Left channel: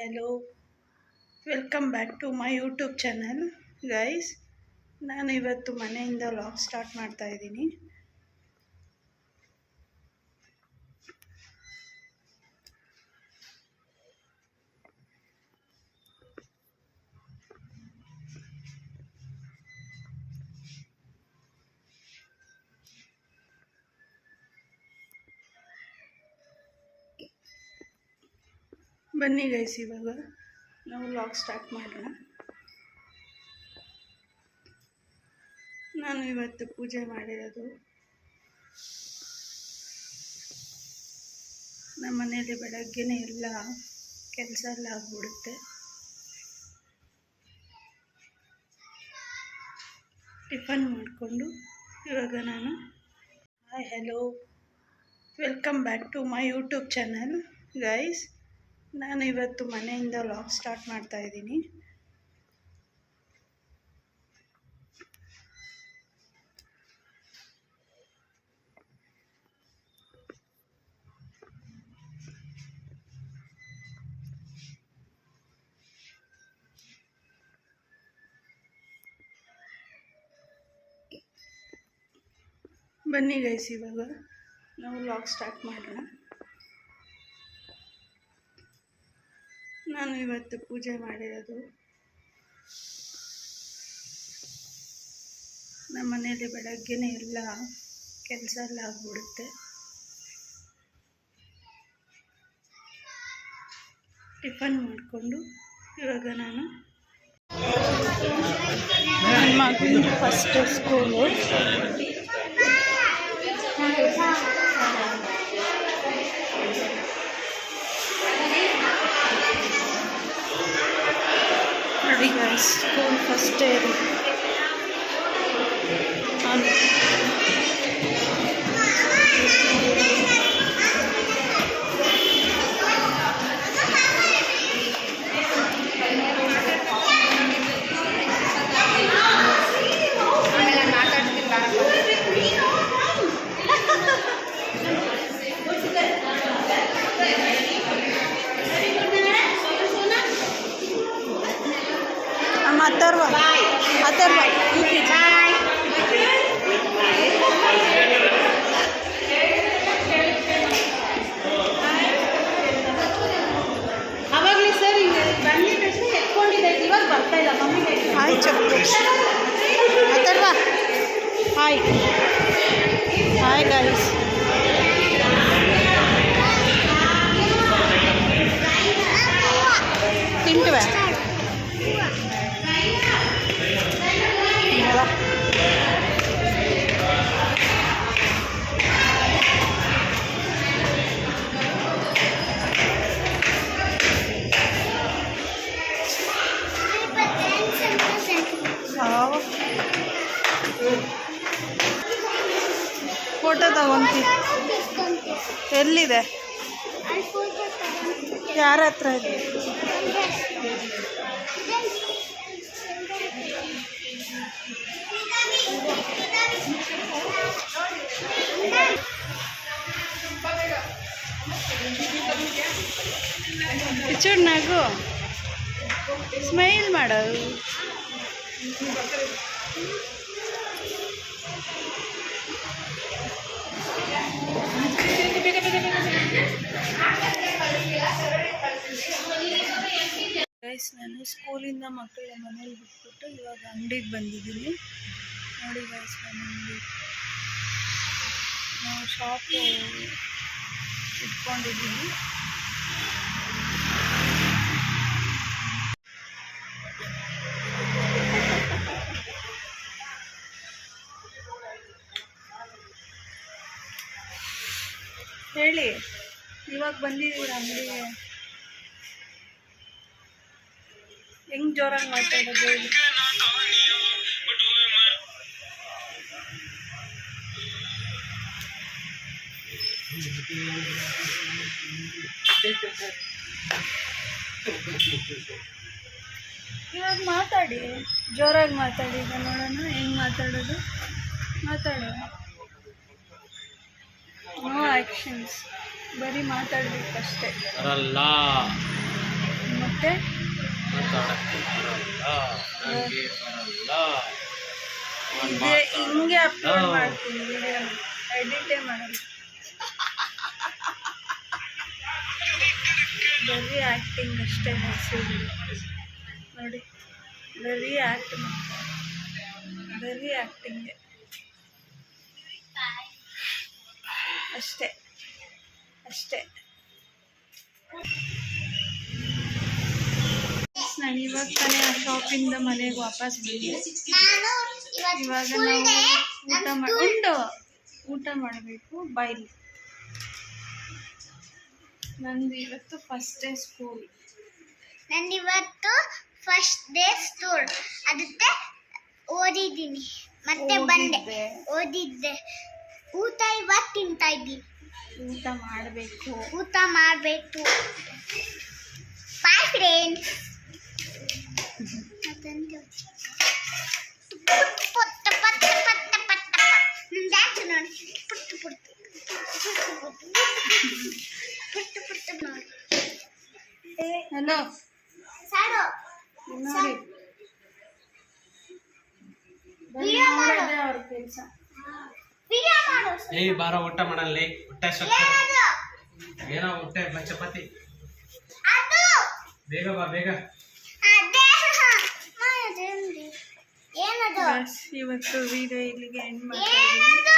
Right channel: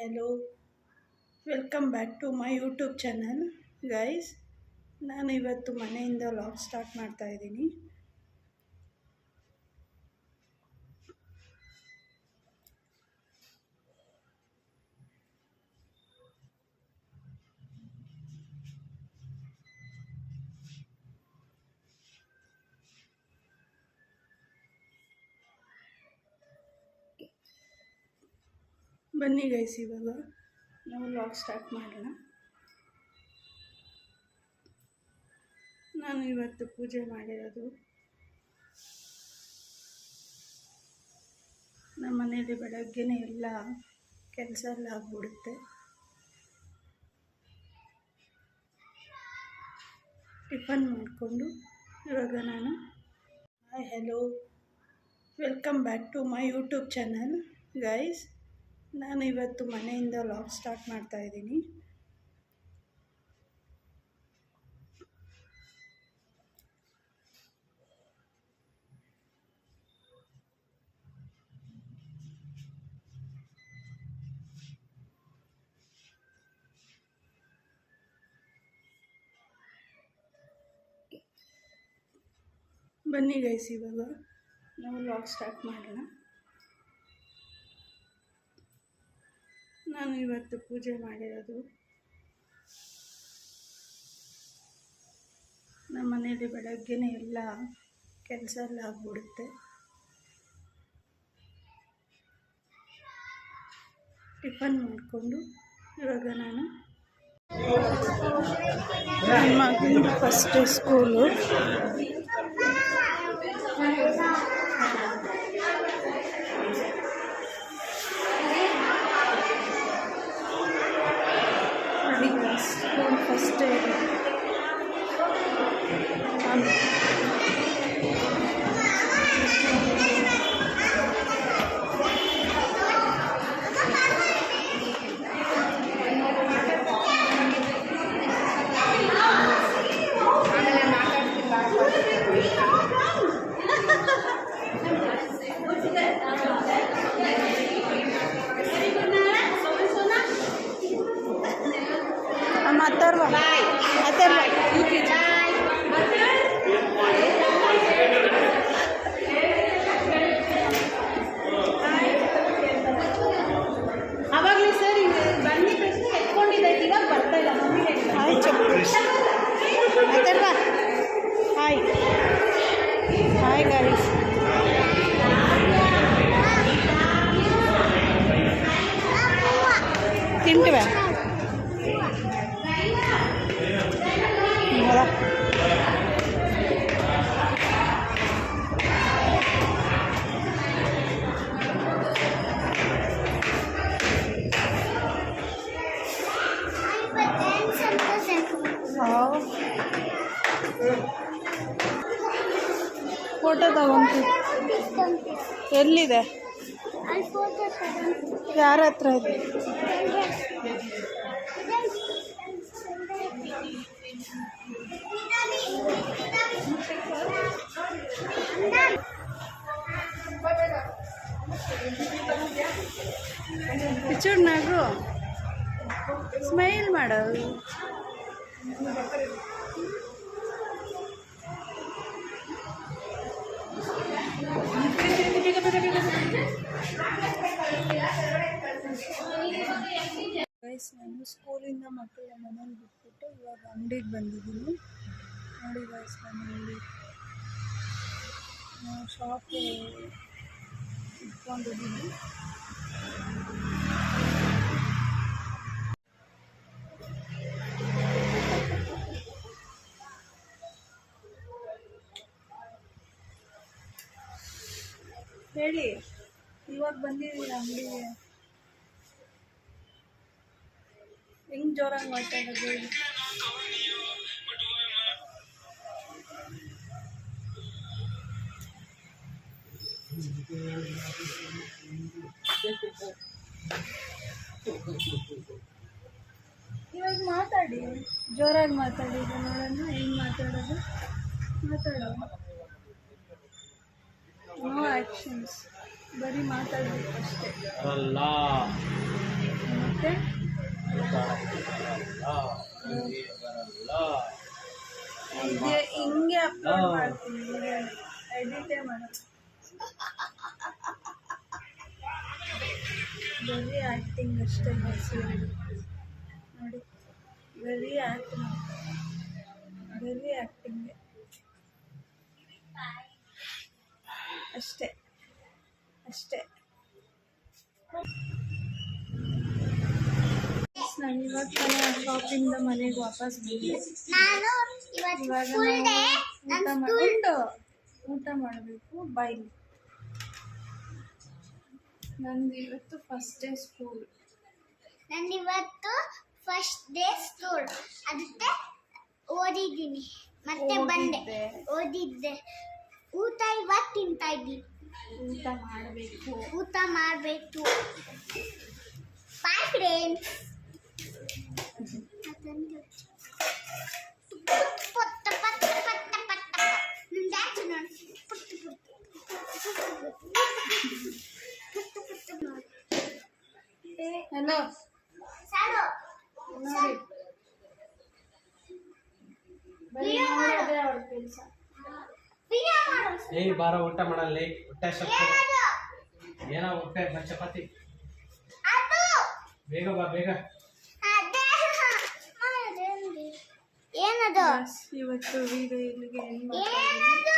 hello, welcome back to my YouTube channel guys. ನಾನು ಇವತ್ತು ಮನೆಯಿಂದ ವ್ಲಾಗ್ ಸ್ಟಾರ್ಟ್ ಮಾಡ್ತಾ ಇದ್ದೀನಿ. ಬನ್ನಿ ಗೈಸ್, ಇವಾಗ ನಾವು ವ್ಲಾಗ್ ಸ್ಟಾರ್ಟ್ ಮಾಡೋಣ. ನಾನು ಇವತ್ತು ಪೂಜೆ ಮಾಡಿರೋದು. ನಮ್ಮ ಮನೆಯಲ್ಲಿ ಬೆಳಗ್ಗೆನೇ ಎಲ್ಲ ಕೆಲಸ ಎಲ್ಲ ಆಗ್ಬಿಡುತ್ತೆ. ಟಿಫನ್ ಮಾಡಿಕೊಂಡು ಇವಾಗ ನಾನು hi hello welcome back to my YouTube channel guys. ನಾನು ಇವತ್ತು ಮನೆಯಿಂದ ವ್ಲಾಗ್ ಸ್ಟಾರ್ಟ್ ಮಾಡ್ತಾ ಇದ್ದೀನಿ. ಬನ್ನಿ ಗೈಸ್, ಇವಾಗ ನಾವು ವ್ಲಾಗ್ ಸ್ಟಾರ್ಟ್ ಮಾಡೋಣ. ನಾನು ಇವತ್ತು ಪೂಜೆ ಮಾಡಿರೋದು. ನಮ್ಮ ಮನೆಯಲ್ಲಿ ಬೆಳಗ್ಗೆನೇ ಎಲ್ಲ ಕೆಲಸ ಎಲ್ಲ ಆಗ್ಬಿಡುತ್ತೆ. ಟಿಫನ್ ಮಾಡಿಕೊಂಡು ಇವಾಗ ನಾನು ನನ್ನ ಮಗನ ಫಸ್ಟ್ ಸ್ಕೂಲು. ನೋಡಿ ಗೈಸ್, ಸ್ಕೂಲ್ ಫಸ್ಟ್ ಡೇ ಇದು. ಅಥರ್ವ ಅವಾಗಲೇ ಸರ್ ಈಗ ಬಂದಿದ ತಕ್ಷಣ ಎತ್ಕೊಂಡಿದ್ದೆ, ಇವಾಗ ಬರ್ತಾ ಇಲ್ಲ. Hi Chappu Atharva hi hi guys. ತಿಂಟಿವೆ ಫೋಟೋ ತಗೊಂತೀವಿ. ಎಲ್ಲಿದೆ? ಯಾರ ಹತ್ರ ಇದೆ? ಪಿಚೂಡ್ ನಗು, ಸ್ಮೈಲ್ ಮಾಡು. ಗೈಸ್, ನಾನು ಸ್ಕೂಲಿಂದ ಮಕ್ಕಳ ಮನೇಲಿ ಬಿಟ್ಬಿಟ್ಟು ಇವಾಗ ಅಂಗಡಿಗೆ ಬಂದಿದ್ದೀನಿ. ನೋಡಿ ಗೈಸ್, ಮನೆಯಲ್ಲಿ ನಾವು ಶಾಪು ಇಟ್ಕೊಂಡಿದ್ದೀವಿ. ಹೇಳಿ, ಇವಾಗ ಬಂದಿದ್ದೀವಿ ಅಂಗಡಿಗೆ. ಹೆಂಗ್ ಜೋರಾಗಿ ಮಾತಾಡೋದು ಹೇಳಿ. ಇವಾಗ ಮಾತಾಡಿ, ಜೋರಾಗಿ ಮಾತಾಡಿ. ಈಗ ನೋಡೋಣ ಹೆಂಗ್ ಮಾತಾಡೋದು. ಮಾತಾಡೋ, ನೋ ಆ್ಯಕ್ಷನ್ಸ್, ಬರೀ ಮಾತಾಡ್ಬೇಕಷ್ಟೇ. ಅರಲ್ಲ ಮತ್ತೆ ಮತ್ತೆ ಮಾತಾಡಕ್ಕೆ ಬರಲ್ಲ, ನಂಗೆ ಬರಲ್ಲ. ಹಿಂಗೆ ಅಪ್ಲೋಡ್ ಮಾಡ್ತೀನಿ ವಿಡಿಯೋ, ಎಡಿಟೇ ಮಾಡಲ್ಲ. ಬರೀ ಆ್ಯಕ್ಟಿಂಗ್ ಅಷ್ಟೇ ಹೆಸರು ನೋಡಿ, ಬರೀ ಆ್ಯಕ್ಟ್ ಮಾಡ್ತಾರೆ, ಬರೀ ಆ್ಯಕ್ಟಿಂಗೆ ಅಷ್ಟೇ ಅಷ್ಟೇ. ನಾನು ಇವಾಗ ತಾನೇ ಆ ಶಾಪಿಂದ ಮನೆಗೆ ವಾಪಸ್ ಬಂದೆ. ಇವಾಗ ನಾವು ಊಟ ಮಾಡಬೇಕು. ಬಾಯ್ಲಿ ನಂದು ಇವತ್ತು ಫಸ್ಟ್ ಡೇ ಸ್ಕೂಲ್. ನಂದಿವತ್ತು ಫಸ್ಟ್ ಡೇ ಸ್ಕೂಲ್, ಅದಕ್ಕೆ ಓದಿದ್ದೀನಿ ಮತ್ತೆ ಬಂದೆ. ಓದಿದ್ದೆ, ಊಟ ಇವತ್ತು ತಿಂತಾ ಇದ್ದೀನಿ. ಊಟ ಮಾಡಬೇಕು. Bye friends. ಡ್ಯಾನ್ಸ್ ನೋಡಿ, ಪುಟ್ಟು ಪುಟ್ಟು ಪುಟ್ಟು ಪುಟ್ಟು ನೋಡಿ. ಹಲೋ ಸಾಲು ನೋಡಿ, ವಿಡಿಯೋ ಮಾಡು, ಅವ್ರ ಕೆಲಸ. ವಿಡಿಯೋ ಮಾಡು. ಏಯ್ ಬಾರ ಊಟ ಮಾಡಲ್ಲಿ, ಹೊಟ್ಟೆ ಸೊಕ್ಕ ಏನದು? ಏನೋ ಹೊಟ್ಟೆ ಚಪಾತಿ. ಅದು ಬೇಗ ಬಾ ಬೇಗ. ಅದೇ ಅದೇನ್ರಿ? ಏನದು? ಬಸ್ ಇವತ್ತು ವಿಡಿಯೋ ಇಲ್ಲಿಗೆ ಎಂಡ್ ಮಾಡ್ತಾ ಇದ್ದೀನಿ. ಏನದು?